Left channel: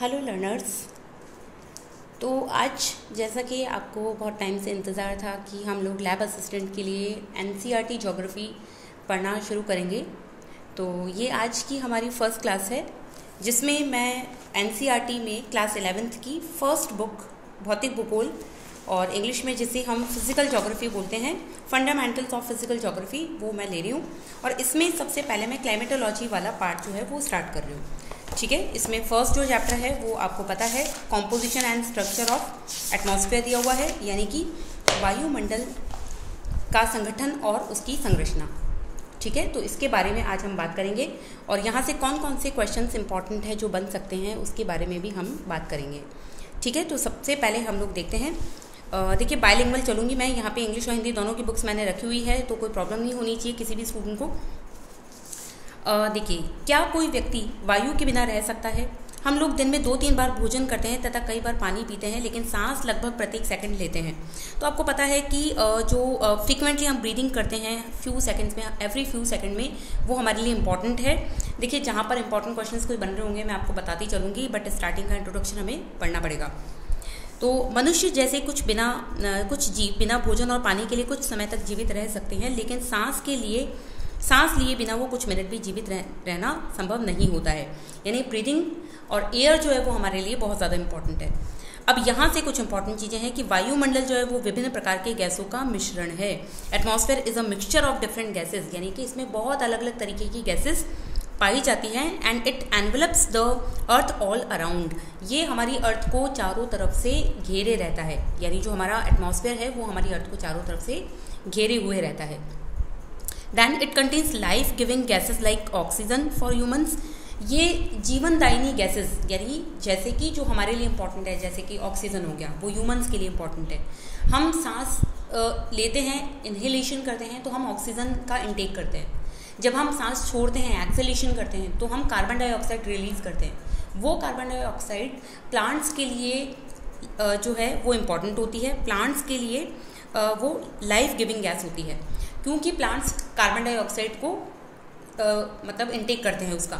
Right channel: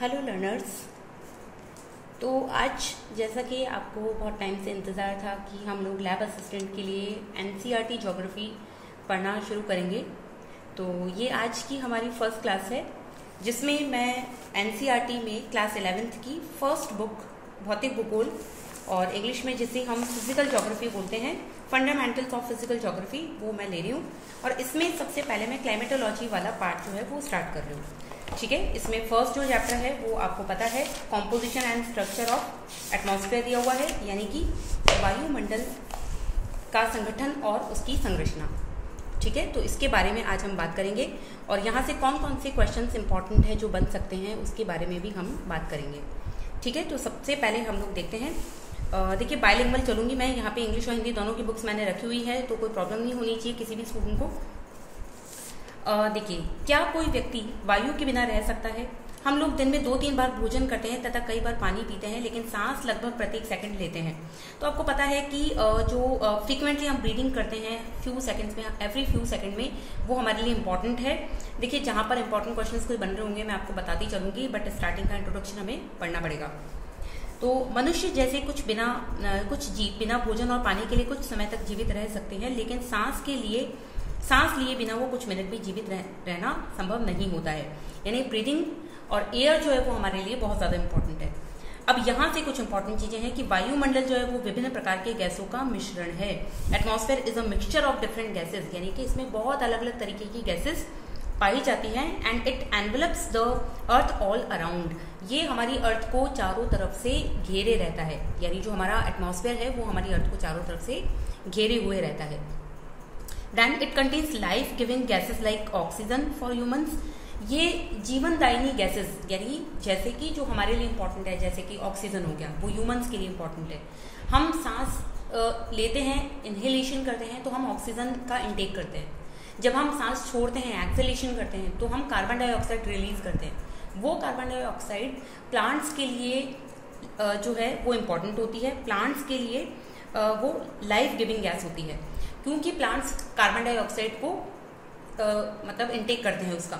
Hello learners. तो आज जैसा कि आपको बहुत टाइम से इंतज़ार था कि हम लोग लैब असिस्टेंट के लिए एनसीईआरटी ज्योग्राफी पढ़ना शुरू करेंगे। तो ये आज की हमारी फर्स्ट क्लास है जिसमें मैं एनसीईआरटी में क्लास 11th की फर्स्ट बुक भौतिक भूगोल और इंग्लिश में जिसे हम फिजिकल ज्योग्राफी बोलते हैं, फंडामेंटल्स ऑफ फिजिकल ज्योग्राफी, वो मैं ले रही हूँ। और इसमें सबसे पहले मैं क्लाइमेटोलॉजी वाला पार्ट जो है वो स्टार्ट कर रही हूँ। ठीक है, इसमें फर्स्ट जो चैप्टर है वो आपको पता है composition and structure of atmosphere दिया हुआ है, यानी कि वायुमंडल का संगठन और उसकी संरचना। ठीक है, तो इसके बारे में आज हम बात करेंगे और यहाँ से कौन कौन से क्वेश्चंस इंपॉर्टेंट हैं जो बन सकते हैं उसके बारे में भी हम बात करेंगे। ठीक है, तो सबसे पहले हम लोग देखते हैं। देखिए, बायलिंगुअल चलूँगी मैं, यहाँ पे इंग्लिश और हिंदी दोनों की बुक्स मैंने रखी हुई है, तो कोई प्रॉब्लम नहीं होनी चाहिए किसी भी स्टूडेंट को। देखिए, क्या कोई व्यक्ति वायु के बिना रह सकता है? हम लोग दिन में 2-3 बार भोजन करते हैं तथा कई बार पानी पीते हैं, लेकिन सांस लगभग प्रत्येक सेकंड लेते हैं। तो आपको पता है कि जो फ्रीक्वेंटली हम ब्रीदिंग करते हैं फ्यू सेकंड्स में, एवरी फ्यू सेकंड में, वो हमारे लिए इंपॉर्टेंट है। देखिए, जहाँ पर इंपॉर्टेंट क्वेश्चंस कोई बन रहे होंगे मैं आपको बताती चलूँगी, बट स्टार्टिंग का इंट्रोडक्शन हमें पढ़ना पड़ेगा। तो मनुष्य जैसे कुछ जीव बिना भोजन और पानी के लिए कुछ समय तक जीवित रह सकते हैं, लेकिन सांस लिए बिना वो कुछ मिनट भी जीवित रहना संभव नहीं होता है। यानी ब्रीदिंग और एयर जो है वो हमारे लिए बहुत ज़्यादा इंपॉर्टेंट है। अब यहाँ से कुछ इंपॉर्टेंट चीज़ें हैं कि वायुमंडल जो है वो विभिन्न प्रकार के गैसों का मिश्रण है। Atmosphere is a mixture of different gases, यानी कि इसमें बहुत अलग अलग तरीके की गैसेज पाई जाती हैं। And it envelopes the earth all around, ये हमारी अर्थ को चारों तरफ से घेरे रहता है। यानी जो हमारा एटमॉस्फेयर है वो हमारी अर्थ को चारों तरफ से घेरे हुए रहता है। Then it contains life giving gases like oxygen for humans, ये जीवनदायिनी गैसेज, यानी जैसे कि जो हमारे लिए इंपॉर्टेंट है, जैसे कि ऑक्सीजन हो गया, वो ह्यूमन्स के लिए इंपॉर्टेंट है। हम सांस लेते हैं, इनहेलेशन करते हैं, तो हम ऑक्सीजन का इंटेक करते हैं। जब हम सांस छोड़ते हैं, एक्सहेलेशन करते हैं, तो हम कार्बन डाइऑक्साइड रिलीज करते हैं। वो कार्बन डाइऑक्साइड प्लांट्स के लिए जो है वो इम्पॉर्टेंट होती है। प्लांट्स के लिए वो लाइफ गिविंग गैस होती है, क्योंकि प्लांट्स कार्बन डाइऑक्साइड को मतलब इंटेक करते हैं उसका।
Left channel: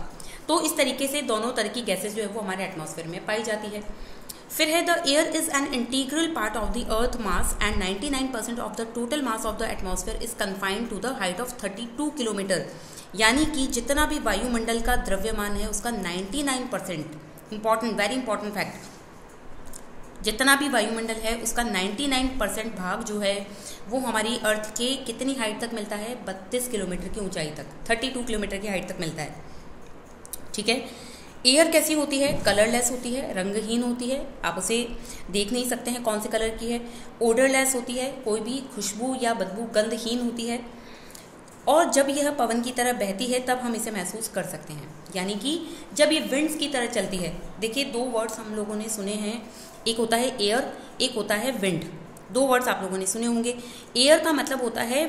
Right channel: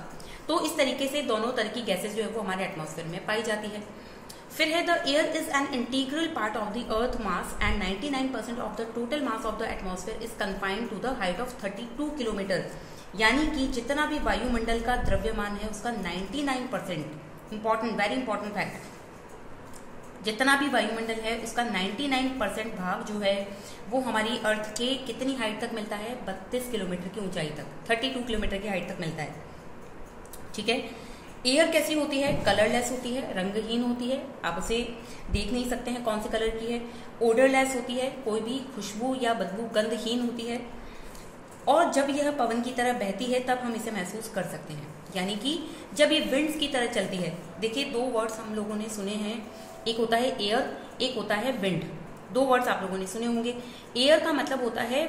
तो इस तरीके से दोनों तरह की गैसेज जो है वो हमारे एटमॉस्फेयर में पाई जाती है। फिर है the air is an integral part of the earth mass and 99% of the total mass of the atmosphere is confined to the height of 32 kilometre, यानी कि जितना भी वायुमंडल का द्रव्यमान है उसका 99%, इंपॉर्टेंट, वेरी इंपॉर्टेंट फैक्ट, जितना भी वायुमंडल है उसका 99% भाग जो है वो हमारी अर्थ के कितनी हाइट तक मिलता है? 32 किलोमीटर की ऊंचाई तक, 32 किलोमीटर की हाइट तक मिलता है। ठीक है, एयर कैसी होती है? कलरलेस होती है, रंगहीन होती है, आप उसे देख नहीं सकते हैं कौन से कलर की है। ओडरलेस होती है, कोई भी खुशबू या बदबू, गंधहीन होती है। और जब यह पवन की तरह बहती है तब हम इसे महसूस कर सकते हैं, यानी कि जब ये विंड्स की तरह चलती है। देखिए, 2 वर्ड्स हम लोगों ने सुने हैं, एक होता है एयर, एक होता है विंड। 2 वर्ड्स आप लोगों ने सुने होंगे। एयर का मतलब होता है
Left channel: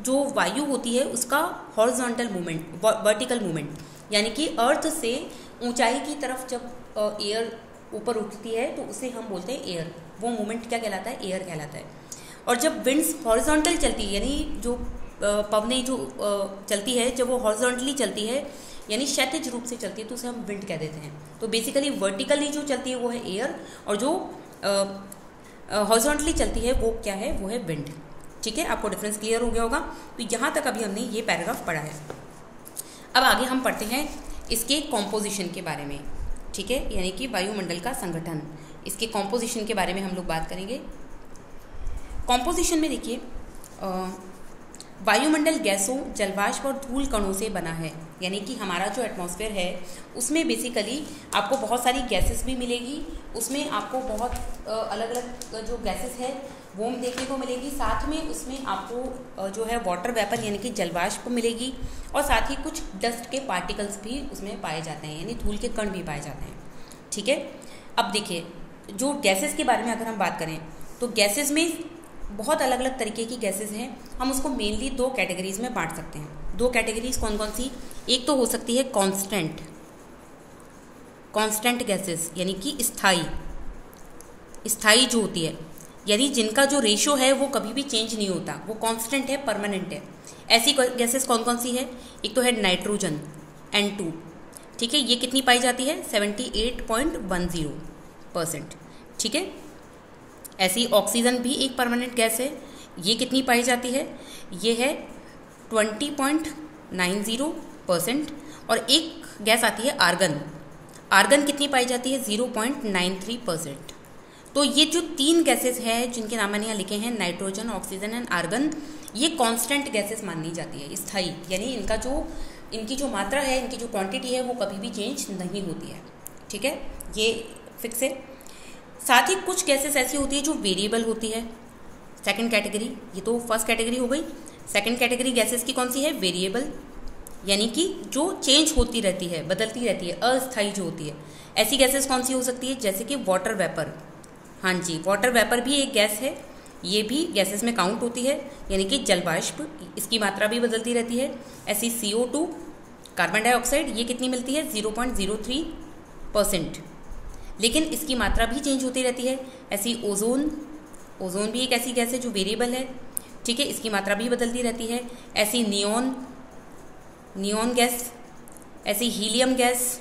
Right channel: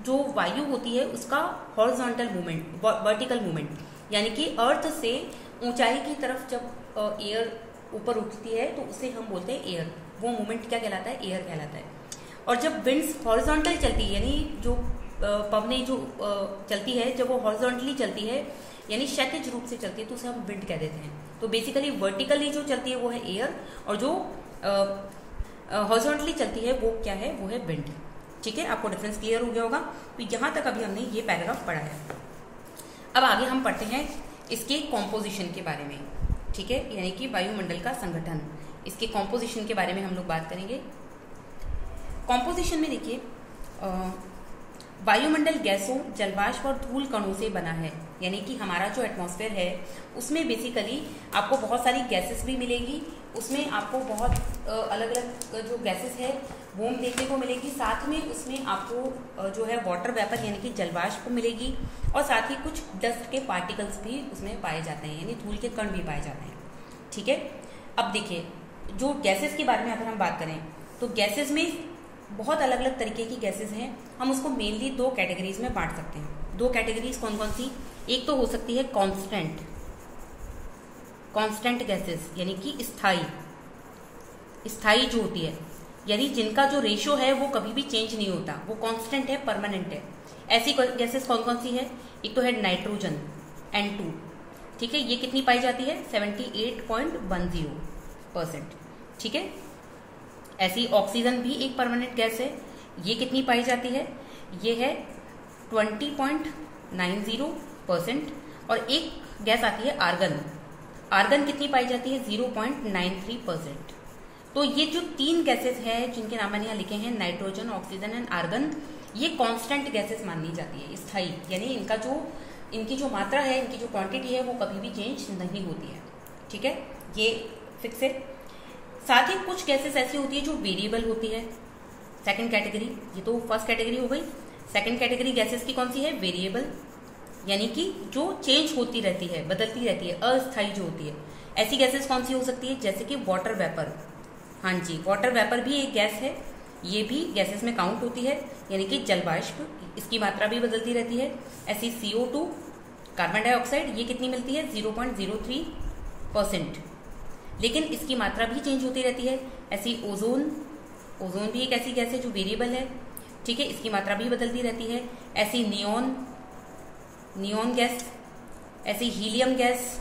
जो वायु होती है उसका हॉरिजॉन्टल मूवमेंट, वर्टिकल मूवमेंट, यानी कि अर्थ से ऊंचाई की तरफ जब एयर ऊपर उठती है तो उसे हम बोलते हैं एयर। वो मूवमेंट क्या कहलाता है? एयर कहलाता है। और जब विंड्स हॉरिजॉन्टल चलती है, यानी जो पवनें जो चलती है, जब वो हॉरिजॉन्टली चलती है यानी क्षैतिज रूप से चलती है, तो उसे हम विंड कह देते हैं। तो बेसिकली वर्टिकली जो चलती है वो है एयर, और जो हॉरिजॉन्टली चलती है वो क्या है? वो है विंड। ठीक है, आपको डिफरेंस क्लियर हो गया होगा। तो यहाँ तक अभी हमने ये पैराग्राफ पढ़ा है। अब आगे हम पढ़ते हैं इसके कॉम्पोजिशन के बारे में। ठीक है, यानी कि वायुमंडल का संगठन, इसके कॉम्पोजिशन के बारे में हम लोग बात करेंगे। कॉम्पोजिशन में देखिए, वायुमंडल गैसों, जलवाष्प और धूल कणों से बना है। यानी कि हमारा जो एटमॉस्फेयर है उसमें बेसिकली आपको बहुत सारी गैसेस भी मिलेगी, उसमें आपको बहुत अलग अलग जो गैसेस है वो देखने को मिलेगी। साथ में उसमें आपको जो है वाटर वेपर यानी कि जलवाष्प मिलेगी, और साथ ही कुछ डस्ट के पार्टिकल्स भी उसमें पाए जाते हैं, यानी धूल के कण भी पाए जाते हैं। ठीक है, अब देखिए, जो गैसेस के बारे में अगर हम बात करें तो गैसेस में बहुत अलग अलग तरीके की गैसेस हैं। हम उसको मेनली 2 कैटेगरीज में बांट सकते हैं। 2 कैटेगरीज कौन कौन सी? एक तो हो सकती है कांस्टेंट गैसेस, यानी कि स्थाई जो होती है, यानी जिनका जो रेशो है वो कभी भी चेंज नहीं होता, वो कांस्टेंट है, परमानेंट है। ऐसी गैसेस कौन कौन सी है? एक तो है नाइट्रोजन, N2, ठीक है, ये कितनी पाई जाती है 78.10%। ठीक है, ऐसी ऑक्सीजन भी एक परमानेंट गैस है, ये कितनी पाई जाती है, ये है 20.90%। और एक गैस आती है आर्गन, आर्गन कितनी पाई जाती है 0.93%। तो ये जो 3 गैसेस हैं जिनके नाम मैंने यहाँ लिखे हैं, नाइट्रोजन, ऑक्सीजन एंड आर्गन, ये कांस्टेंट गैसेस मानी जाती है, स्थायी, यानी इनकी जो मात्रा है, इनकी जो क्वांटिटी है वो कभी भी चेंज नहीं होती है। ठीक है, ये फिक्स है। साथ ही कुछ गैसेस ऐसी होती है जो वेरिएबल होती है, सेकंड कैटेगरी, ये तो फर्स्ट कैटेगरी हो गई। सेकंड कैटेगरी गैसेस की कौन सी है, वेरिएबल, यानी कि जो चेंज होती रहती है, बदलती रहती है, अस्थायी जो होती है। ऐसी गैसेस कौन सी हो सकती है, जैसे कि वाटर वेपर। हाँ जी, वाटर वेपर भी एक गैस है, ये भी गैसेस में काउंट होती है, यानी कि जलवाष्प, इसकी मात्रा भी बदलती रहती है। ऐसी CO2, कार्बन डाइऑक्साइड, ये कितनी मिलती है 0.03%, लेकिन इसकी मात्रा भी चेंज होती रहती है। ऐसी ओजोन, ओजोन भी एक ऐसी गैस है जो वेरिएबल है। ठीक है, इसकी मात्रा भी बदलती रहती है। ऐसी नियॉन गैस, ऐसी हीलियम गैस,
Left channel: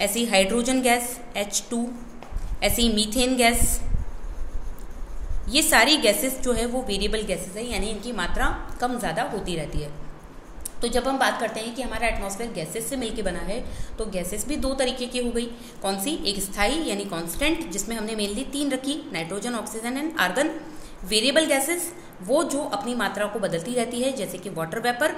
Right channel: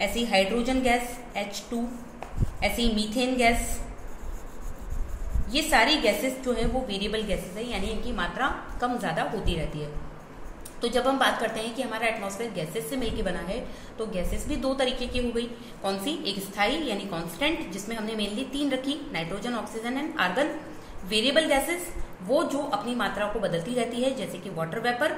ऐसी हाइड्रोजन गैस H2, ऐसी मीथेन गैस, ये सारी गैसेस जो है वो वेरिएबल गैसेस है, यानी इनकी मात्रा कम ज़्यादा होती रहती है। तो जब हम बात करते हैं कि हमारा एटमॉस्फेयर गैसेस से मिलकर बना है, तो गैसेस भी 2 तरीके की हो गई। कौन सी, एक स्थायी यानी कांस्टेंट, जिसमें हमने मेनली 3 रखी, nitrogen, oxygen and argon. Variable gases वो जो अपनी मात्रा को बदलती रहती है, जैसे कि water vapour,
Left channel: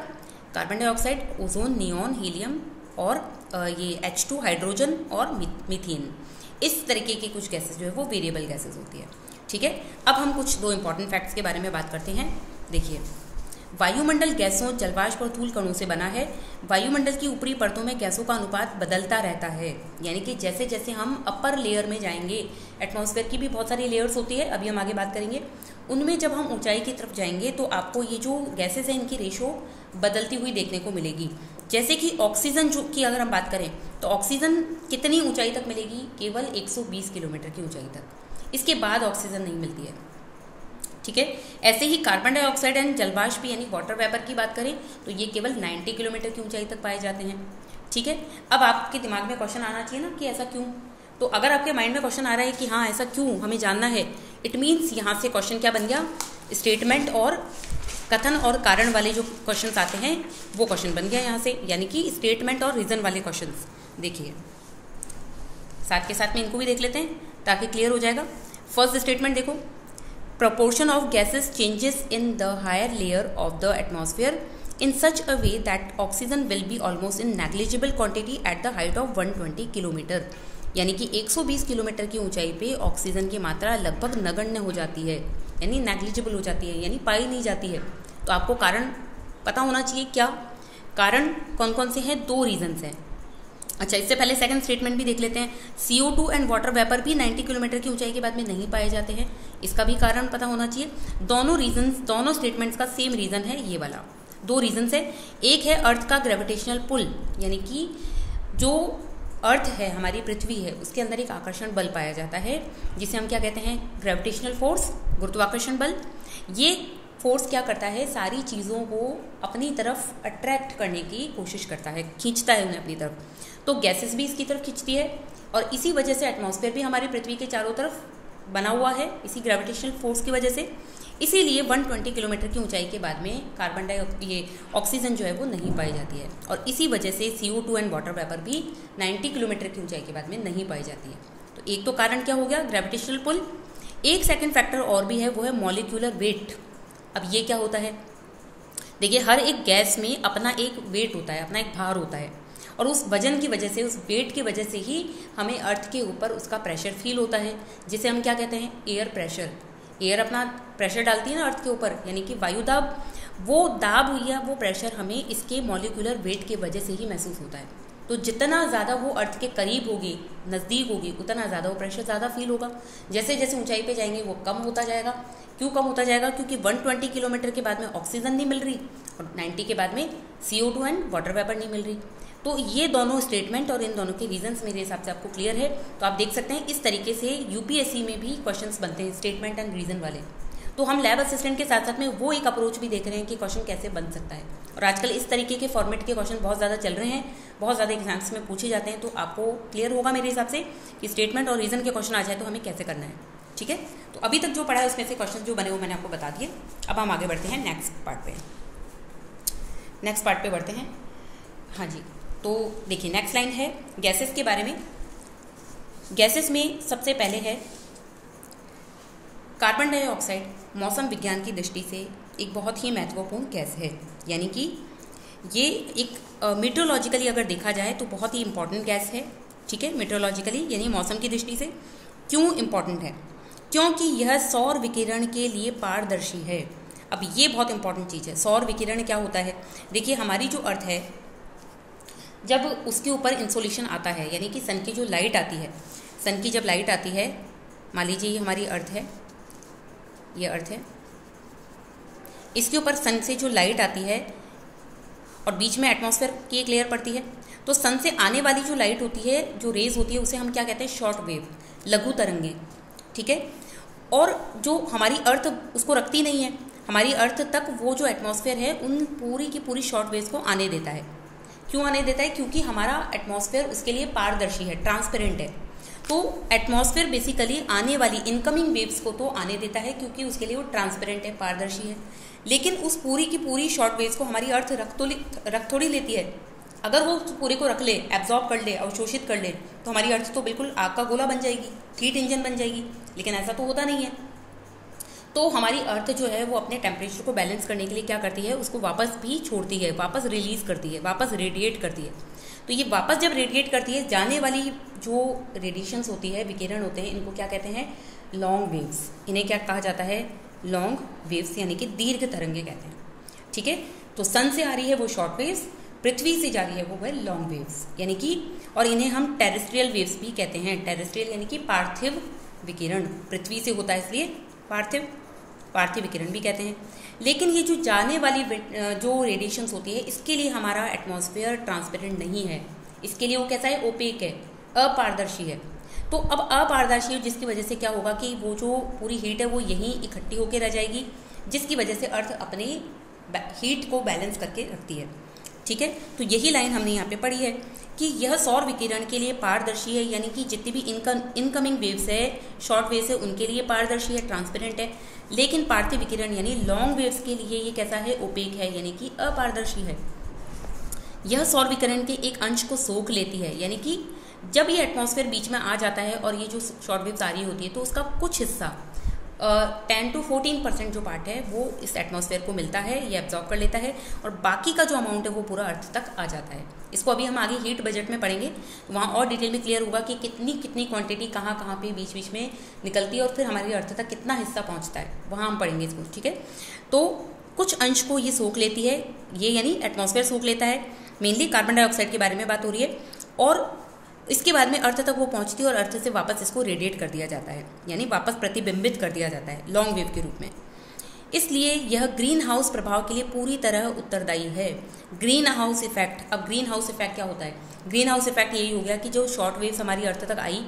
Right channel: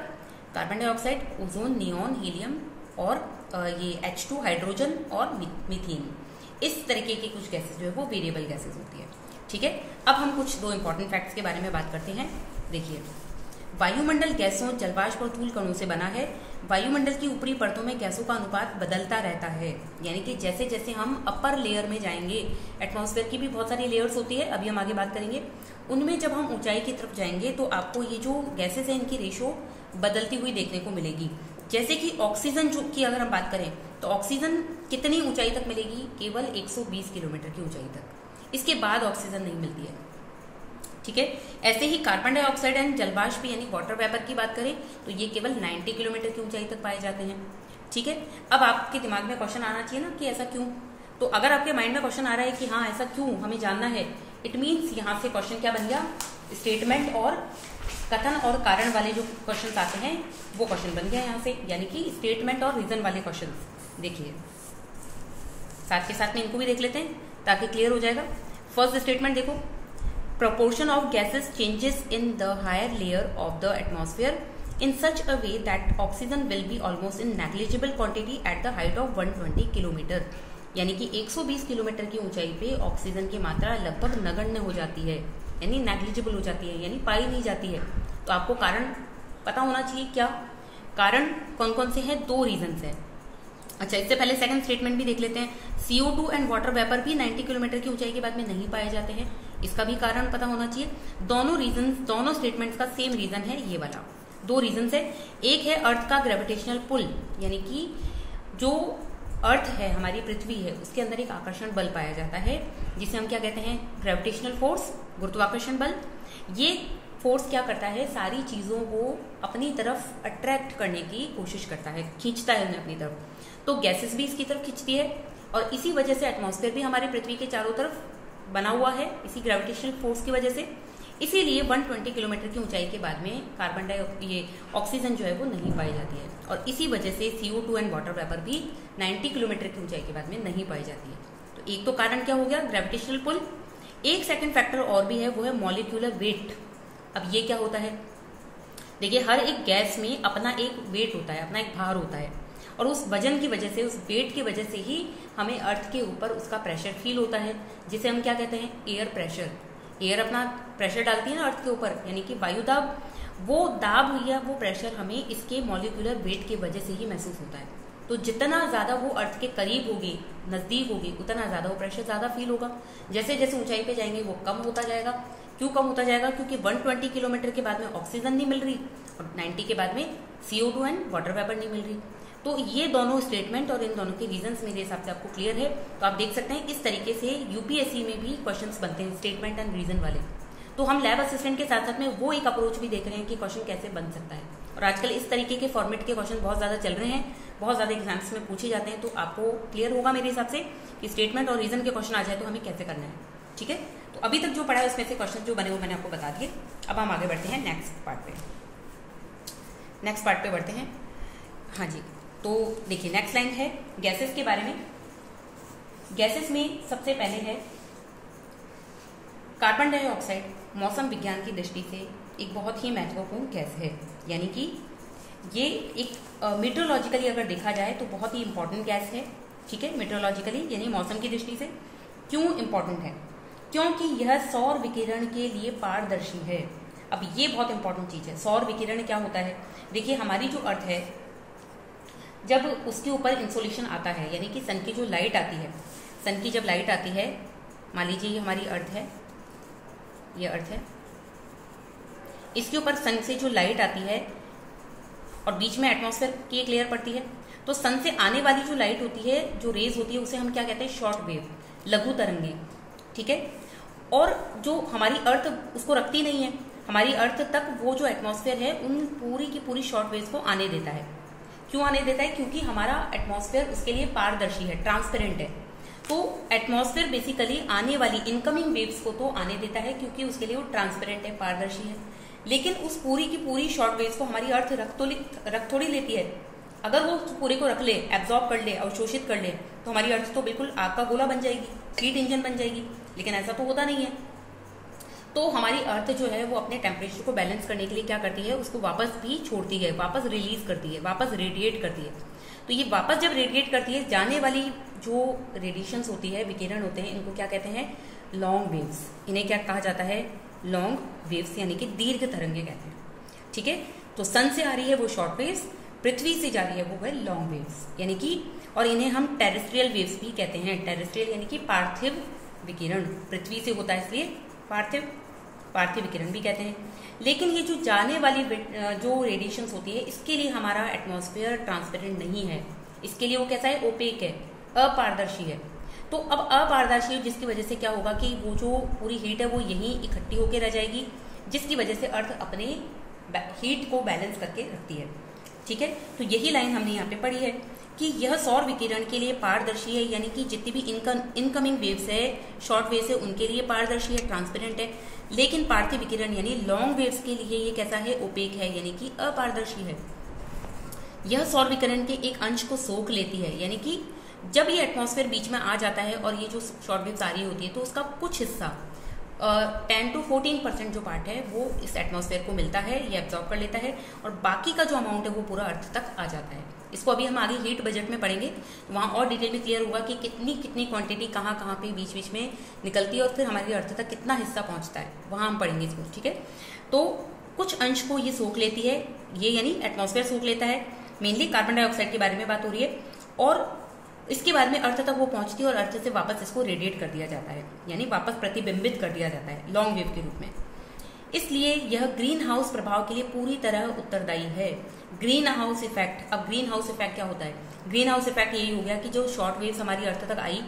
carbon dioxide, ozone, neon, helium और ये H2 हाइड्रोजन और मीथेन। इस तरीके की कुछ गैसेस जो है वो वेरिएबल गैसेस होती है। ठीक है, अब हम कुछ 2 इंपॉर्टेंट फैक्ट्स के बारे में बात करते हैं। देखिए, वायुमंडल गैसों, जलवाष्प और धूल कणों से बना है। वायुमंडल की ऊपरी परतों में गैसों का अनुपात बदलता रहता है, यानी कि जैसे जैसे हम अपर लेयर में जाएंगे, एटमॉस्फेयर की भी बहुत सारी लेयर्स होती है, अभी हम आगे बात करेंगे, उनमें जब हम ऊंचाई की तरफ जाएंगे तो आपको ये जो गैसेस हैं इनकी रेशो बदलती हुई देखने को मिलेगी। जैसे कि ऑक्सीजन जो की अगर हम बात करें तो ऑक्सीजन कितनी ऊंचाई तक मिलेगी, केवल 120 किलोमीटर की ऊंचाई तक, इसके बाद ऑक्सीजन नहीं मिलती है। ठीक है, ऐसे ही कार्बन डाइऑक्साइड एंड जलवाष्प यानी वाटर वेपर की बात करें तो ये केवल 90 किलोमीटर की ऊंचाई तक पाए जाते हैं। ठीक है, अब आपके दिमाग में क्वेश्चन आना चाहिए ना कि ऐसा क्यों। तो अगर आपके माइंड में क्वेश्चन आ रहा है कि हाँ ऐसा क्यों हमें जानना है, इट मीन्स यहाँ से क्वेश्चन क्या बन गया, स्टेटमेंट और कथन और कारण वाले जो क्वेश्चन आते हैं वो क्वेश्चन बन गया यहाँ से, यानी कि स्टेटमेंट और रीजन वाले क्वेश्चन। देखिए, साथ के साथ में इनको भी देख लेते हैं ताकि क्लियर हो जाएगा। फर्स्ट स्टेटमेंट देखो, proportion of gases changes in the higher layer of the atmosphere in such a way that oxygen will be almost in negligible quantity at the height of 120 kilometre, यानी कि 120 kilometre की ऊंचाई पे oxygen की मात्रा लगभग नगण्य हो जाती है, यानी नेग्लिजिबल हो जाती है, यानी पाई नहीं जाती है। तो आपको कारण पता होना चाहिए, क्या कारण कौन कौन से हैं, 2 रीजंस हैं। अच्छा, इससे पहले सेकंड स्टेटमेंट भी देख लेते हैं। CO2 एंड वाटर वेपर भी 90 किलोमीटर की ऊंचाई के बाद में नहीं पाए जाते हैं, इसका भी कारण पता होना चाहिए। दोनों स्टेटमेंट्स का सेम रीजन है, ये वाला 2 रीजन है। एक है अर्थ का ग्रेविटेशनल पुल, यानी कि जो अर्थ है, हमारी पृथ्वी है, उसके अंदर एक आकर्षण बल पाया जाता है जिसे हम क्या कहते हैं, ग्रेविटेशनल फोर्स, गुरुत्वाकर्षण बल। ये फोर्स क्या करता है, सारी चीज़ों को अपनी तरफ अट्रैक्ट करने की कोशिश करता है, खींचता है उन्हें अपनी तरफ। तो गैसेस भी इसकी तरफ खींचती है और इसी वजह से एटमॉस्फेयर भी हमारी पृथ्वी के चारों तरफ बना हुआ है, इसी ग्रेविटेशनल फोर्स की वजह से। इसीलिए 120 किलोमीटर की ऊंचाई के बाद में ये ऑक्सीजन जो है वो नहीं पाई जाती है, और इसी वजह से CO2 एंड वाटर वेपर भी 90 किलोमीटर की ऊंचाई के बाद में नहीं पाई जाती है। तो एक तो कारण क्या हो गया, ग्रेविटेशनल पुल। एक सेकेंड फैक्टर और भी है, वो है मॉलिक्यूलर वेट। अब ये क्या होता है, देखिए, हर एक गैस में अपना एक वेट होता है, अपना एक भार होता है, और उस वजन की वजह से, उस वेट की वजह से ही हमें अर्थ के ऊपर उसका प्रेशर फील होता है, जिसे हम क्या कहते हैं, एयर प्रेशर। एयर अपना प्रेशर डालती है ना अर्थ के ऊपर, यानी कि वायु दाब, वो दाब या वो प्रेशर हमें इसके मॉलिक्यूलर वेट की वजह से ही महसूस होता है। तो जितना ज़्यादा वो अर्थ के करीब होगी, नज़दीक होगी, उतना ज़्यादा वो प्रेशर ज़्यादा फील होगा। जैसे जैसे ऊंचाई पे जाएंगे वो कम होता जाएगा। क्यों कम होता जाएगा, क्योंकि 120 किलोमीटर के बाद में ऑक्सीजन नहीं मिल रही और 90 के बाद में CO2 एंड वाटर वेपर नहीं मिल रही। तो ये दोनों स्टेटमेंट और इन दोनों के रीजंस मेरे हिसाब से आपको क्लियर है। तो आप देख सकते हैं इस तरीके से UPSC में भी क्वेश्चंस बनते हैं, स्टेटमेंट एंड रीजन वाले। तो हम लैब असिस्टेंट के साथ साथ में वो एक अप्रोच भी देख रहे हैं कि क्वेश्चन कैसे बन सकता है। और आजकल इस तरीके के फॉर्मेट के क्वेश्चन बहुत ज़्यादा चल रहे हैं, बहुत ज़्यादा एग्जाम्स में पूछे जाते हैं। तो आपको क्लियर होगा मेरे हिसाब से कि स्टेटमेंट और रीजन के क्वेश्चन आ जाए तो हमें कैसे करना है। ठीक है, तो अभी तक जो पढ़ा है उसमें से क्वेश्चन जो बने वो मैंने आपको बता दिए। अब हम आगे बढ़ते हैं नेक्स्ट पार्ट पे बढ़ते हैं। हाँ जी, तो देखिए नेक्स्ट लाइन है गैसेस के बारे में। गैसेस में सबसे पहले है कार्बन डाइऑक्साइड मौसम विज्ञान की दृष्टि से एक बहुत ही महत्वपूर्ण गैस है, यानी कि ये एक मीटरोलॉजिकली अगर देखा जाए तो बहुत ही इंपॉर्टेंट गैस है। ठीक है, मीटरोलॉजिकली यानी मौसम की दृष्टि से क्यों इंपॉर्टेंट है? क्योंकि यह सौर विकिरण के लिए पारदर्शी है। अब ये बहुत इंपॉर्टेंट चीज़ है। सौर विकिरण क्या होता है? देखिए हमारी जो अर्थ है, जब उसके ऊपर इंसोलेशन आता है, यानी कि सन की जो लाइट आती है, सन की जब लाइट आती है, मान लीजिए ये हमारी अर्थ है, ये अर्थ है, इसके ऊपर सन से जो लाइट आती है और बीच में एटमॉस्फेयर की एक लेयर पड़ती है, तो सन से आने वाली जो लाइट होती है, जो रेज होती है, उसे हम क्या कहते हैं? शॉर्ट वेव, लघु तरंगे। ठीक है, और जो हमारी अर्थ उसको रखती नहीं है, हमारी अर्थ तक वो जो एटमॉस्फेयर है उन पूरी की पूरी शॉर्ट वेव्स को आने देता है। क्यों आने देता है? क्योंकि हमारा एटमॉस्फेयर उसके लिए पारदर्शी है, ट्रांसपेरेंट है। तो एटमॉस्फेयर बेसिकली आने वाली इनकमिंग वेव्स को तो आने देता है क्योंकि उसके लिए वो ट्रांसपेरेंट है, पारदर्शी है। लेकिन उस पूरी की पूरी शॉर्ट वेव्स को हमारी अर्थ रख थोड़ी लेती है। अगर वो पूरे को रख ले, एब्जॉर्ब कर ले, अवशोषित कर ले, तो हमारी अर्थ तो बिल्कुल आग का गोला बन जाएगी, हीट इंजन बन जाएगी। लेकिन ऐसा तो होता नहीं है। तो हमारी अर्थ जो है वो अपने टेम्परेचर को बैलेंस करने के लिए क्या करती है? उसको वापस भी छोड़ती है, वापस रिलीज करती है, वापस रेडिएट करती है। तो ये वापस जब रेडिएट करती है, जाने वाली जो रेडिएशंस होती है, विकिरण होते हैं, इनको क्या कहते हैं? Long waves. इन्हें क्या कहा जाता है? लॉन्ग वेव्स, यानी कि दीर्घ तरंगे कहते हैं। ठीक है, तो सन से आ रही है वो शॉर्ट वेव्स, पृथ्वी से जा रही है वो लॉन्ग वेव्स, यानी कि, और इन्हें हम टेरेस्ट्रियल वेव्स भी कहते हैं। टेरेस्ट्रियल यानी कि पार्थिव विकिरण, पृथ्वी से होता है इसलिए पार्थिव विकिरण भी कहते हैं। लेकिन ये जो जाने वाली जो रेडिएशंस होती है, इसके लिए हमारा एटमॉस्फेयर ट्रांसपेरेंट नहीं है। इसके लिए वो कैसा है? ओपेक है, अपारदर्शी है। तो अब अपारदर्शी है, जिसकी वजह से क्या होगा कि वो जो पूरी हीट है वो यहीं इकट्ठी होकर रह जाएगी, जिसकी वजह से अर्थ अपने हीट को बैलेंस करके रखती है। ठीक है, तो यही लाइन हमने यहाँ पे पढ़ी है कि यह सौर विकिरण के लिए पारदर्शी है, यानी कि जितनी भी इनकमिंग वेव्स है, शॉर्ट वेव्स है, उनके लिए पारदर्शी है, ट्रांसपेरेंट है। लेकिन पार्थिव विकिरण यानी लॉन्ग वेव्स के लिए ये कैसा है? ओपेक है, यानी कि अपारदर्शी है। यह सौर विकिरण के एक अंश को सोख लेती है, यानी कि जब ये एटमॉस्फेयर बीच में आ जाता है और ये जो शॉर्ट वेव्स आ रही होती है, तो उसका कुछ हिस्सा 10 to 14% जो पार्ट है वो इस एटमॉस्फेयर को मिलता है, ये एब्जॉर्ब कर लेता है, और बाकी का जो अमाउंट है वो पूरा अर्थ तक आ जाता है। इसको अभी हम आगे हीट बजट में पढ़ेंगे, वहाँ और डिटेल में क्लियर होगा कि कितनी क्वांटिटी कहाँ पे बीच में निकलती है और फिर हमारी अर्थ तक कितना हिस्सा पहुँचता है, वहाँ हम पढ़ेंगे इसको। ठीक है, तो कुछ अंश को ये सोख लेती है, ये यानी एटमॉस्फेयर सोख लेता है। मेनली कार्बन डाइऑक्साइड के बारे में बात हो रही है, और इसके बाद में अर्थ तक वो पहुंचती है और अर्थ से वापस इसको रेडिएट कर दिया जाता है, यानी वापस प्रतिबिंबित कर दिया जाता है लॉन्ग वेव के रूप में। इसलिए यह ग्रीन हाउस प्रभाव के लिए पूरी तरह उत्तरदायी है। ग्रीन हाउस इफेक्ट, अब ग्रीन हाउस इफेक्ट क्या होता है? ग्रीन हाउस इफेक्ट यही हो गया कि जो शॉर्ट वेव्स हमारी अर्थ तक आई,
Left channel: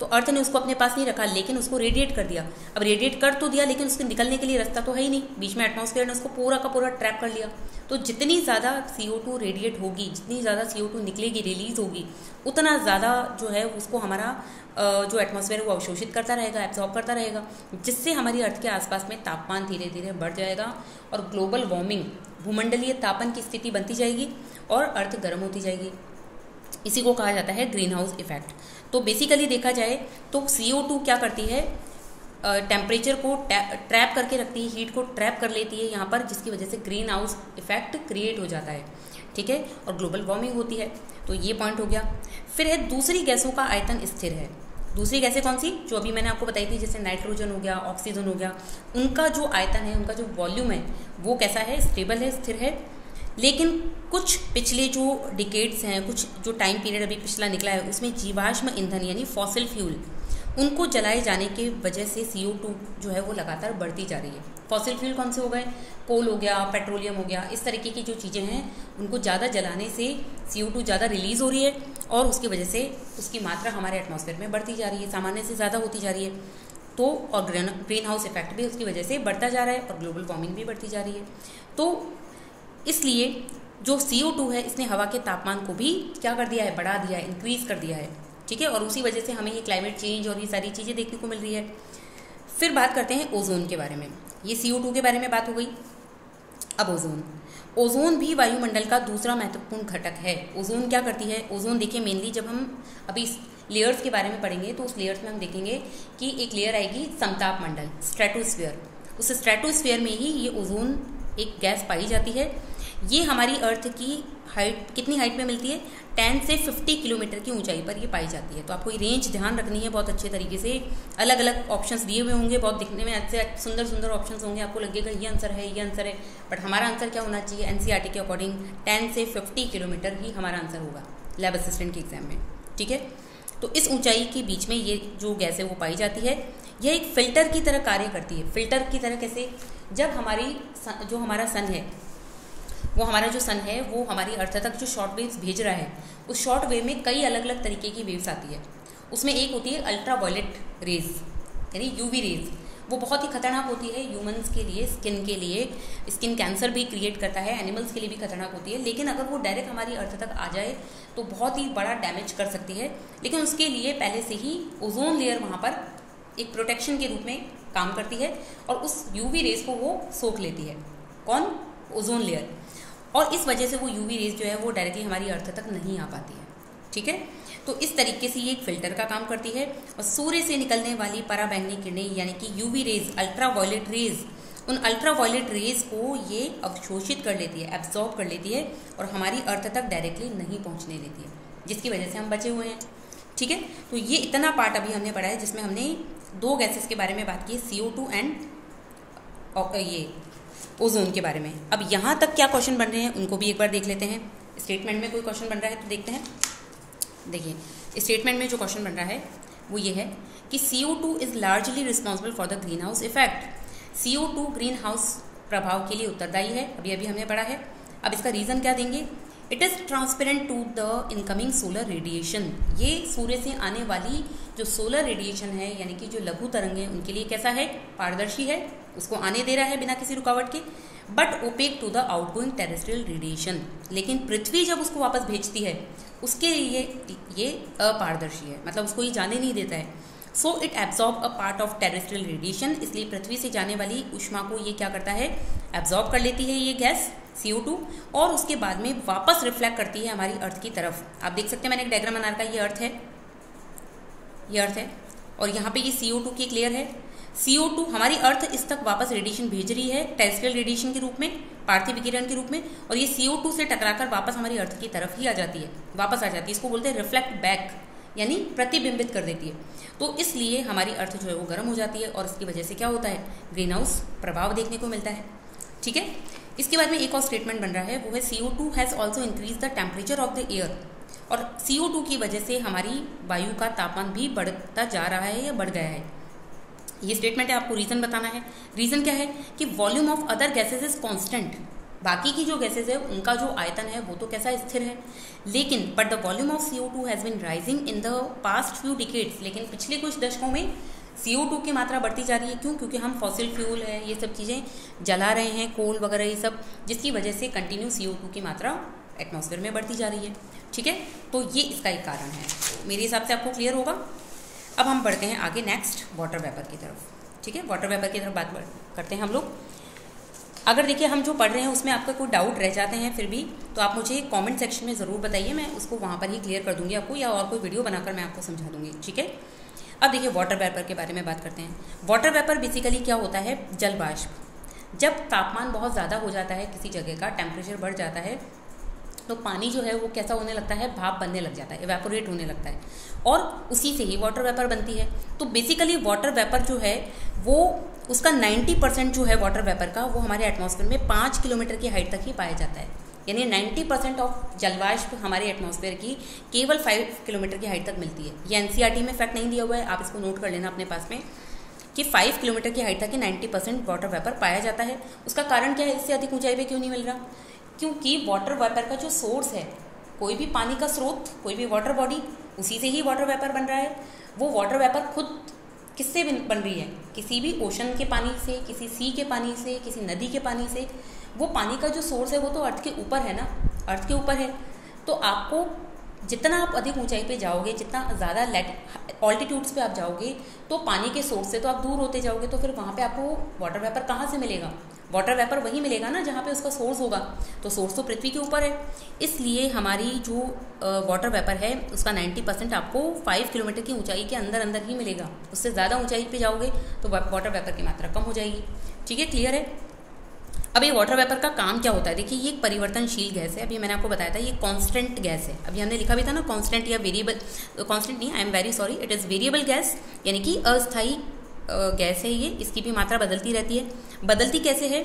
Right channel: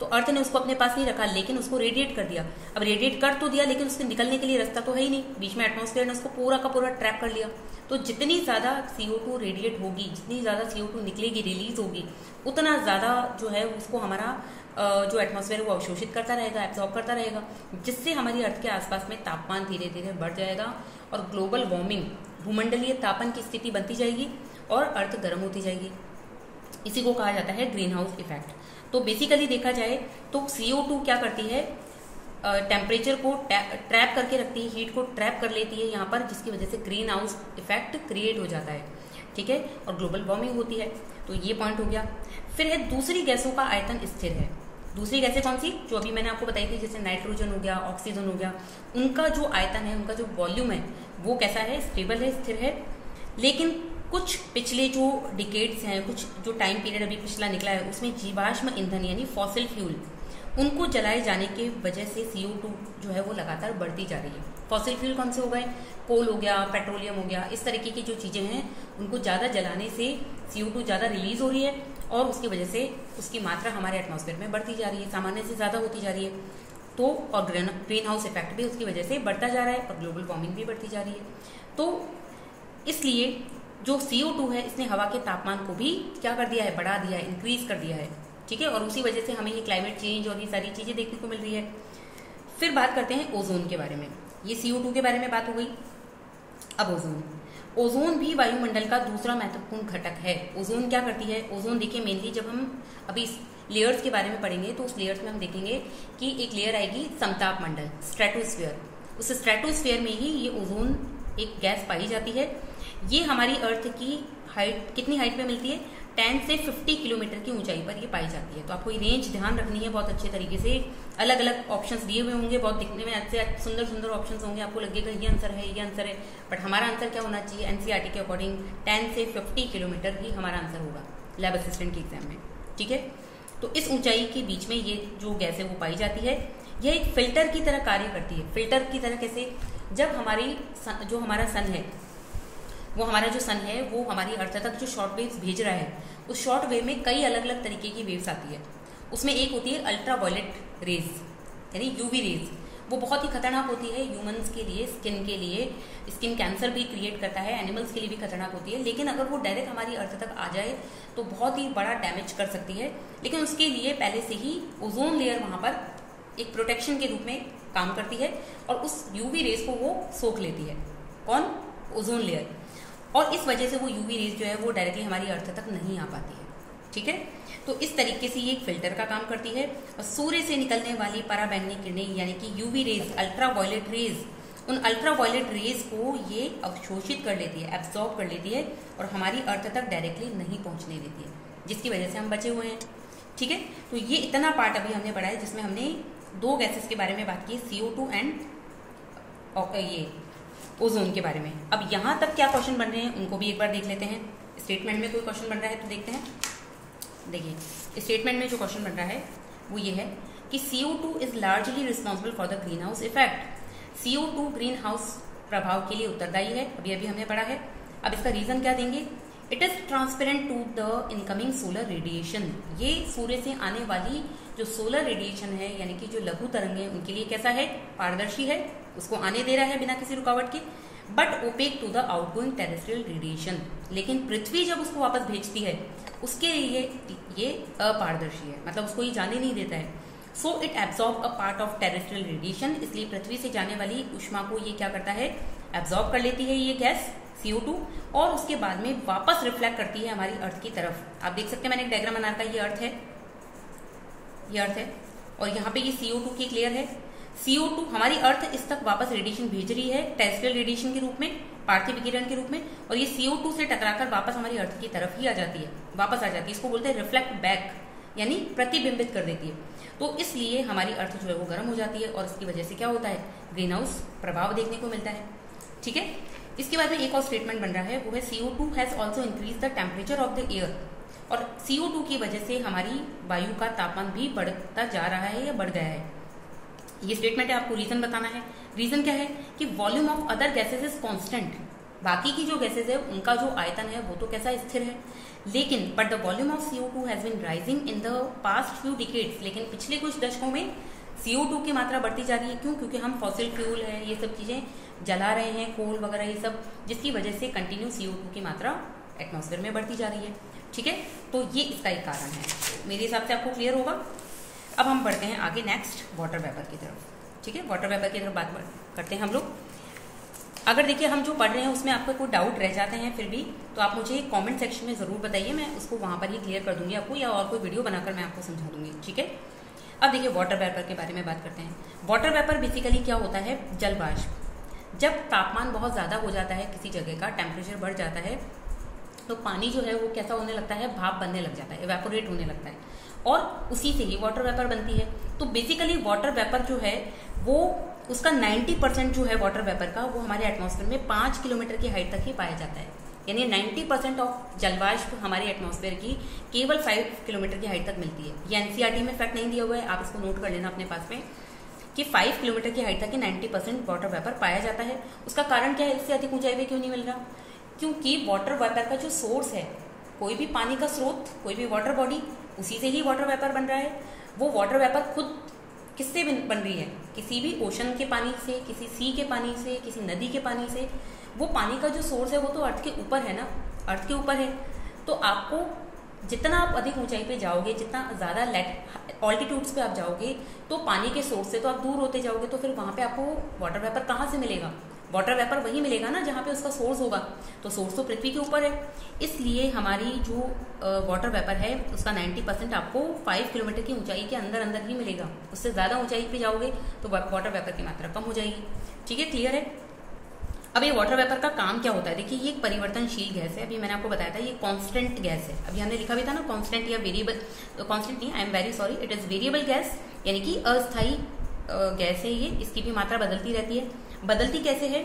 तो अर्थ ने उसको अपने पास नहीं रखा, लेकिन उसको रेडिएट कर दिया। अब रेडिएट कर तो दिया, लेकिन उसके निकलने के लिए रास्ता तो है ही नहीं, बीच में एटमॉस्फेयर ने उसको पूरा का पूरा ट्रैप कर लिया। तो जितनी ज़्यादा CO2 रेडिएट होगी, जितनी ज़्यादा CO2 निकलेगी, रिलीज होगी, उतना ज़्यादा जो है उसको हमारा जो एटमॉस्फेयर वो अवशोषित करता रहेगा, एब्जॉर्ब करता रहेगा, जिससे हमारी अर्थ के आसपास में तापमान धीरे धीरे बढ़ जाएगा और ग्लोबल वार्मिंग, भूमंडलीय तापन की स्थिति बनती जाएगी और अर्थ गर्म होती जाएगी। इसी को कहा जाता है ग्रीन हाउस इफेक्ट। तो बेसिकली देखा जाए तो CO2 क्या करती है? टेम्परेचर को ट्रैप करके रखती है, हीट को ट्रैप कर लेती है यहाँ पर, जिसकी वजह से ग्रीन हाउस इफेक्ट क्रिएट हो जाता है। ठीक है, और ग्लोबल वार्मिंग होती है। तो ये पॉइंट हो गया। फिर है दूसरी गैसों का आयतन स्थिर है। दूसरी गैसें कौन सी? जो अभी मैंने आपको बताई थी, जैसे नाइट्रोजन हो गया, ऑक्सीजन हो गया, उनका जो आयतन है, उनका जो वॉल्यूम है वो कैसा है? स्टेबल है, स्थिर है। लेकिन कुछ पिछले जो डिकेड्स हैं, कुछ जो टाइम पीरियड अभी पिछला निकला है, उसमें जीवाश्म ईंधन यानी फॉसिल फ्यूल, उनको जलाए जाने की वजह से CO2 जो है वो लगातार बढ़ती जा रही है। फॉसिल फ्यूल कौन से हो गए? कोल हो गया, पेट्रोलियम हो गया, इस तरीके की जो चीज़ें हैं, उनको ज़्यादा जलाने से CO2 ज़्यादा रिलीज हो रही है और उसकी वजह से उसकी मात्रा हमारे एटमॉस्फेयर में बढ़ती जा रही है, सामान्य से ज़्यादा होती जा रही है। तो और ग्रीन हाउस इफेक्ट भी उसकी वजह से बढ़ता जा रहा है और ग्लोबल वार्मिंग भी बढ़ती जा रही है। तो इसलिए जो CO2 है इसने हवा के तापमान को भी क्या कर दिया है, बढ़ा दिया है, इंक्रीज कर दिया है, ठीक है। और उसी वजह से हमें ये क्लाइमेट चेंज और ये सारी चीज़ें देखने को मिल रही है। फिर बात करते हैं ओजोन के बारे में। ये CO2 के बारे में बात हो गई। अब ओजोन भी वायुमंडल का दूसरा महत्वपूर्ण घटक है। ओजोन क्या करती है? ओजोन देखिए मेनली जब हम अभी लेयर्स के बारे में पढ़ेंगे तो उस लेयर्स में हम देखेंगे कि एक लेयर आएगी समताप मंडल, स्ट्रेटोस्फीयर। उस स्ट्रेटोस्फीयर में ही ये ओजोन एक गैस पाई जाती है। ये हमारी अर्थ की हाइट, कितनी हाइट में मिलती है? 10 से 50 किलोमीटर की ऊंचाई पर ये पाई जाती है। तो आपको ये रेंज ध्यान रखनी है बहुत अच्छे तरीके से। अलग अलग ऑप्शंस दिए हुए होंगे, बहुत दिखने में अच्छे सुंदर सुंदर ऑप्शंस होंगे, आपको लगेगा ये आंसर है, ये आंसर है, बट हमारा आंसर क्या होना चाहिए? NCERT के अकॉर्डिंग 10 से 50 किलोमीटर ही हमारा आंसर होगा लैब असिस्टेंट के एग्जाम में, ठीक है। तो इस ऊंचाई के बीच में ये जो गैस है वो पाई जाती है। यह एक फिल्टर की तरह कार्य करती है। फिल्टर की तरह कैसे? जब जो हमारा सन है, वो हमारा जो सन है वो हमारी अर्थ तक जो शॉर्ट वेव्स भेज रहा है, उस शॉर्ट वेव में कई अलग अलग तरीके की वेव्स आती है। उसमें एक होती है अल्ट्रा वायलेट रेज, यानी UV रेज। वो बहुत ही खतरनाक होती है ह्यूमंस के लिए, स्किन के लिए, स्किन कैंसर भी क्रिएट करता है, एनिमल्स के लिए भी खतरनाक होती है। लेकिन अगर वो डायरेक्ट हमारी अर्थ तक आ जाए तो बहुत ही बड़ा डैमेज कर सकती है। लेकिन उसके लिए पहले से ही ओजोन लेयर वहाँ पर एक प्रोटेक्शन के रूप में काम करती है और उस UV रेज को वो सोख लेती है। कौन? Ozone layer. और इस वजह से वो UV रेज जो है वो डायरेक्टली हमारी अर्थ तक नहीं आ पाती है, ठीक है। तो इस तरीके से ये एक फिल्टर का काम करती है। और सूर्य से निकलने वाली पराबैंगनी किरणें यानी कि UV rays, ultraviolet rays, उन अल्ट्रा वायलेट रेज को ये अवशोषित कर लेती है, एब्जॉर्ब कर लेती है और हमारी अर्थ तक डायरेक्टली नहीं पहुंचने देती है, जिसकी वजह से हम बचे हुए हैं, ठीक है। तो ये इतना पार्ट अभी हमने पढ़ा है जिसमें हमने दो गैसेस के बारे में बात की, CO2 एंड ये ओजोन के बारे में। अब यहाँ तक क्या क्वेश्चन बन रहे हैं उनको भी एक बार देख लेते हैं। स्टेटमेंट में कोई क्वेश्चन बन रहा है तो देखते हैं। देखिए स्टेटमेंट में जो क्वेश्चन बन रहा है वो ये है कि CO2 is largely responsible for the green house effect. CO2 green house प्रभाव के लिए उत्तरदायी है, अभी हमने पढ़ा है। अब इसका रीजन क्या देंगे? It is transparent to the incoming solar radiation. ये सूर्य से आने वाली जो सोलर रेडिएशन है यानी कि जो लघु तरंग है उनके लिए कैसा है? पारदर्शी है, उसको आने दे रहा है बिना किसी रुकावट के। But opaque to the outgoing terrestrial radiation. लेकिन पृथ्वी जब उसको वापस भेजती है उसके लिए ये अपारदर्शी है, मतलब उसको ये जाने नहीं देता है। So it absorb a part of terrestrial radiation. इसलिए पृथ्वी से जाने वाली ऊष्मा को ये क्या करता है? एब्जॉर्ब कर लेती है ये गैस CO2 और उसके बाद में वापस रिफ्लेक्ट करती है हमारी अर्थ की तरफ। आप देख सकते हैं मैंने एक डायग्राम बना रखा है, ये अर्थ है, ये अर्थ है और यहाँ पे ये CO2 की एक लेयर है। CO2 हमारी अर्थ इस तक वापस रेडिएशन भेज रही है टेरेस्ट्रियल रेडिएशन के रूप में, पार्थिव विकिरण के रूप में, और ये CO2 से टकराकर वापस हमारी अर्थ की तरफ ही आ जाती है, वापस आ जाती है। इसको बोलते हैं रिफ्लेक्ट बैक, यानी प्रतिबिंबित कर देती है। तो इसलिए हमारी अर्थ जो है वो गर्म हो जाती है और इसकी वजह से क्या होता है? ग्रीन हाउस प्रभाव देखने को मिलता है, ठीक है। इसके बाद में एक और स्टेटमेंट बन रहा है वो है CO2 has also increase the temperature of the air. और CO2 की वजह से हमारी वायु का तापमान भी बढ़ता जा रहा है या बढ़ गया है। ये स्टेटमेंट है, आपको रीजन बताना है। रीजन क्या है कि volume of other gases is constant. बाकी की जो गैसेज है उनका जो आयतन है वो तो कैसा स्थिर है, लेकिन but the volume of CO2 has been rising in the past few decades. लेकिन पिछले कुछ दशकों में CO2 की मात्रा बढ़ती जा रही है। क्यों? क्योंकि हम फॉसिल फ्यूल है ये सब चीजें जला रहे हैं, कोल वगैरह ये सब, जिसकी वजह से कंटिन्यू CO2 की मात्रा एटमॉस्फेयर में बढ़ती जा रही है, ठीक है। तो ये इसका एक कारण है। तो मेरे हिसाब से आपको क्लियर होगा। अब हम बढ़ते हैं आगे नेक्स्ट वाटर वेपर की तरफ, ठीक है। वाटर वेपर की तरफ बात करते हैं हम लोग। अगर देखिए हम जो पढ़ रहे हैं उसमें आपका कोई डाउट रह जाते हैं फिर भी, तो आप मुझे कमेंट सेक्शन में ज़रूर बताइए, मैं उसको वहाँ पर ही क्लियर कर दूंगी आपको, या और कोई वीडियो बनाकर मैं आपको समझा दूंगी, ठीक है। अब देखिए वाटर वेपर के बारे में बात करते हैं। वाटर वेपर बेसिकली क्या होता है? जल वाष्प। जब तापमान बहुत ज़्यादा हो जाता है किसी जगह का, टेम्परेचर बढ़ जाता है, तो पानी जो है वो कैसा होने लगता है? भाप बनने लग जाता है, इवेपोरेट होने लगता है, और उसी से ही वाटर वेपर बनती है। तो बेसिकली वाटर वेपर जो है वो उसका 90% जो है वाटर वेपर का वो हमारे एटमॉस्फेयर में 5 किलोमीटर की हाइट तक ही पाया जाता है। यानी 90% ऑफ जलवाष्प हमारे एटमॉस्फेयर की केवल 5 किलोमीटर की हाइट तक मिलती है। ये NCERT में फैक्ट नहीं दिया हुआ है, आप इसको नोट कर लेना अपने पास में कि 5 किलोमीटर की हाइट तक ही 90% वाटर वेपर पाया जाता है। उसका कारण क्या है? इससे अधिक ऊंचाई पे क्यों नहीं मिल रहा? क्योंकि वाटर वेपर का जो सोर्स है, कोई भी पानी का स्रोत, कोई भी वाटर बॉडी, उसी से ही वाटर वेपर बन रहा है। वो वाटर वेपर खुद किससे बन रही है? किसी भी ओशन के पानी से, किसी सी के पानी से, किसी नदी के पानी से। वो पानी का जो सोर्स है वो तो अर्थ के ऊपर है ना, अर्थ के ऊपर है। तो आपको जितना आप अधिक ऊंचाई पे जाओगे, जितना ज़्यादा ऑल्टीट्यूड्स पे आप जाओगे, तो पानी के सोर्स से तो आप दूर होते जाओगे, तो फिर वहाँ पे आपको वाटर वेपर कहाँ से मिलेगा? वाटर वेपर वहीं मिलेगा ना जहाँ पे उसका सोर्स होगा। तो सोर्स तो पृथ्वी के ऊपर है, इसलिए हमारी जो वाटर वेपर है उसका 90% आपको 5 किलोमीटर की ऊंचाई के अंदर अंदर ही मिलेगा। उससे ज़्यादा ऊंचाई पे जाओगे तो वाटर वेपर की मात्रा कम हो जाएगी। ठीक है, क्लियर है? अब ये वाटर वेपर का काम क्या होता है? देखिए, ये एक परिवर्तनशील गैस है। अभी मैंने आपको बताया था ये कांस्टेंट गैस है। अभी हमने लिखा भी था ना कांस्टेंट या वेरिएबल, कांस्टेंट नहीं, I am very sorry, it is variable gas, यानी कि अस्थायी गैस है ये। इसकी भी मात्रा बदलती रहती है। बदलती कैसे है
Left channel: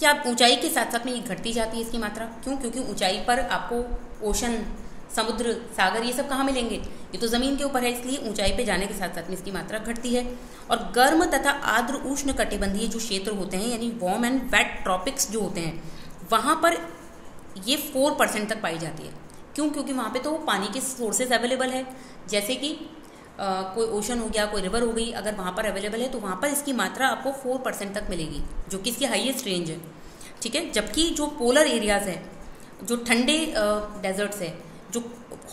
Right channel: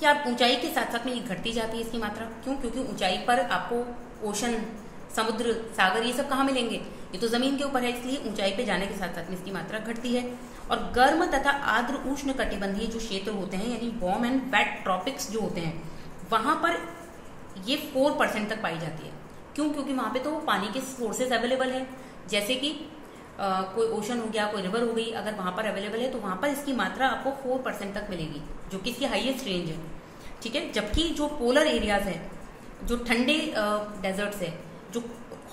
कि आप ऊंचाई के साथ साथ में घटती जाती है इसकी मात्रा। क्यों? क्योंकि ऊंचाई पर आपको ओशन, समुद्र, सागर, ये सब कहाँ मिलेंगे? ये तो जमीन के ऊपर है, इसलिए ऊंचाई पे जाने के साथ साथ में इसकी मात्रा घटती है। और गर्म तथा आर्द्र उष्ण कटिबंधीय जो क्षेत्र होते हैं, यानी वार्म एंड वेट ट्रॉपिक्स जो होते हैं, वहां पर ये 4% तक पाई जाती है। क्यों? क्योंकि वहां पे तो पानी के सोर्सेज अवेलेबल है, जैसे कि कोई ओशन हो गया, कोई रिवर हो गई, अगर वहां पर अवेलेबल है तो वहां पर इसकी मात्रा आपको 4% तक मिलेगी, जो कि इसकी हाईएस्ट रेंज है। ठीक है, जबकि जो पोलर एरियाज है, जो ठंडे डेजर्ट्स है, जो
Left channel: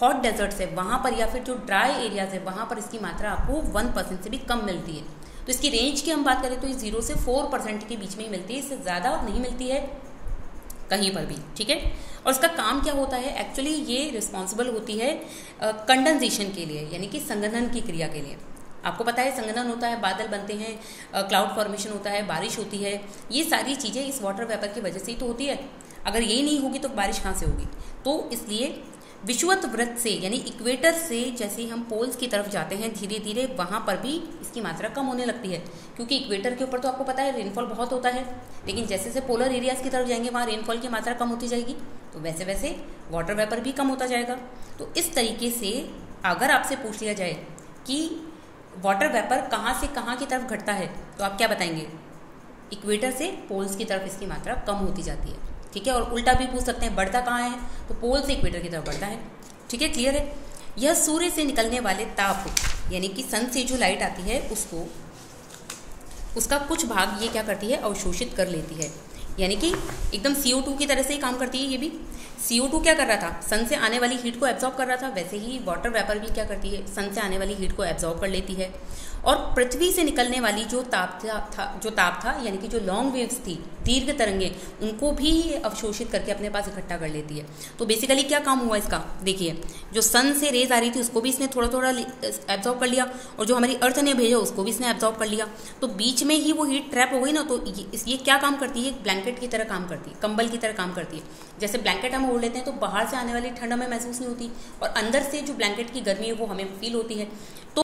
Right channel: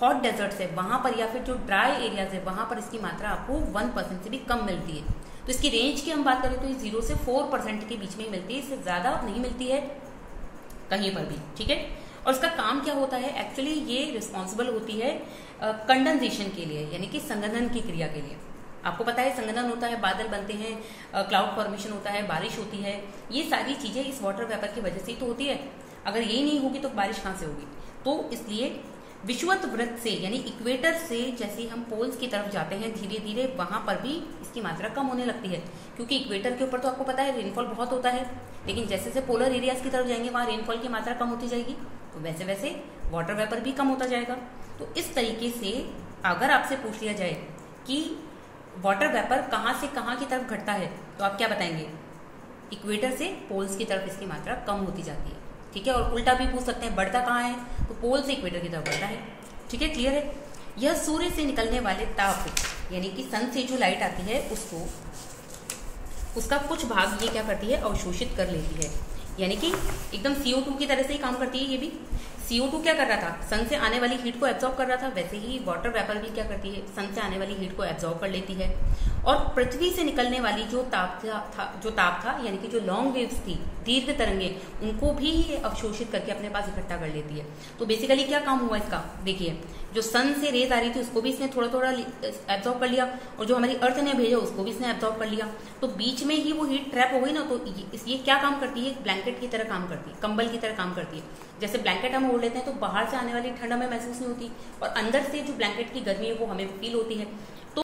हॉट डेजर्ट्स है, वहां पर, या फिर जो ड्राई एरियाज है, वहां पर इसकी मात्रा आपको 1% से भी कम मिलती है। तो इसकी रेंज की हम बात करें तो ये 0 से 4% के बीच में ही मिलती है, इससे ज्यादा नहीं मिलती है कहीं पर भी। ठीक है, और इसका काम क्या होता है? एक्चुअली ये रिस्पॉन्सिबल होती है कंडेंसेशन के लिए, यानी कि संघनन की क्रिया के लिए। आपको पता है संघनन होता है, बादल बनते हैं, क्लाउड फॉर्मेशन होता है, बारिश होती है, ये सारी चीजें इस वाटर वेपर की वजह से ही तो होती है। अगर यही नहीं होगी तो बारिश कहाँ से होगी? तो इसलिए विषुवत वृत्त से, यानी इक्वेटर से जैसे हम पोल्स की तरफ जाते हैं धीरे धीरे, वहां पर भी इसकी मात्रा कम होने लगती है। क्योंकि इक्वेटर के ऊपर तो आपको पता है रेनफॉल बहुत होता है, लेकिन जैसे जैसे पोलर एरियाज की तरफ जाएंगे वहां रेनफॉल की मात्रा कम होती जाएगी, तो वैसे वैसे वाटर वेपर भी कम होता जाएगा। तो इस तरीके से अगर आपसे पूछ लिया जाए कि वाटर वेपर कहाँ से कहाँ की तरफ घटता है, तो आप क्या बताएंगे? इक्वेटर से पोल्स की तरफ इसकी मात्रा कम होती जाती है। ठीक है, और उल्टा भी पूछ सकते हैं, बढ़ता कहाँ है? तो पोल से इक्वेटर की तरफ बढ़ता है। ठीक है, क्लियर है? यह सूर्य से निकलने वाले ताप, यानी कि सन से जो लाइट आती है उसको, उसका कुछ भाग ये क्या करती है? अवशोषित कर लेती है, यानी कि एकदम CO2 की तरह से ही काम करती है। ये भी CO2 क्या कर रहा था? सन से आने वाली हीट को एब्जॉर्ब कर रहा था, वैसे ही वाटर वेपर भी क्या करती है? सन से आने वाली हीट को एब्जॉर्ब कर लेती है। और पृथ्वी से निकलने वाली जो ताप था, यानी कि जो लॉन्ग वेव्स थी, दीर्घ तरंगे, उनको भी अवशोषित करके अपने पास इकट्ठा कर लेती है। तो बेसिकली क्या काम हुआ इसका? देखिए, जो सन से रेज आ रही थी उसको भी इसने थोड़ा थोड़ा एब्जॉर्ब कर लिया, और जो हमारी अर्थ ने भेजा उसको भी इसने एब्जॉर्ब कर लिया। तो बीच में ही वो हीट ट्रैप हो गई ना, तो ये क्या काम करती है? ब्लैंकेट की तरह काम करती है, कंबल की तरह काम करती है। जैसे ब्लैंकेट हम ओढ़ लेते हैं तो बाहर से आने वाली ठंड हमें महसूस नहीं होती, और अंदर से जो ब्लैंकेट की गर्मी है वो हमें फील होती है। तो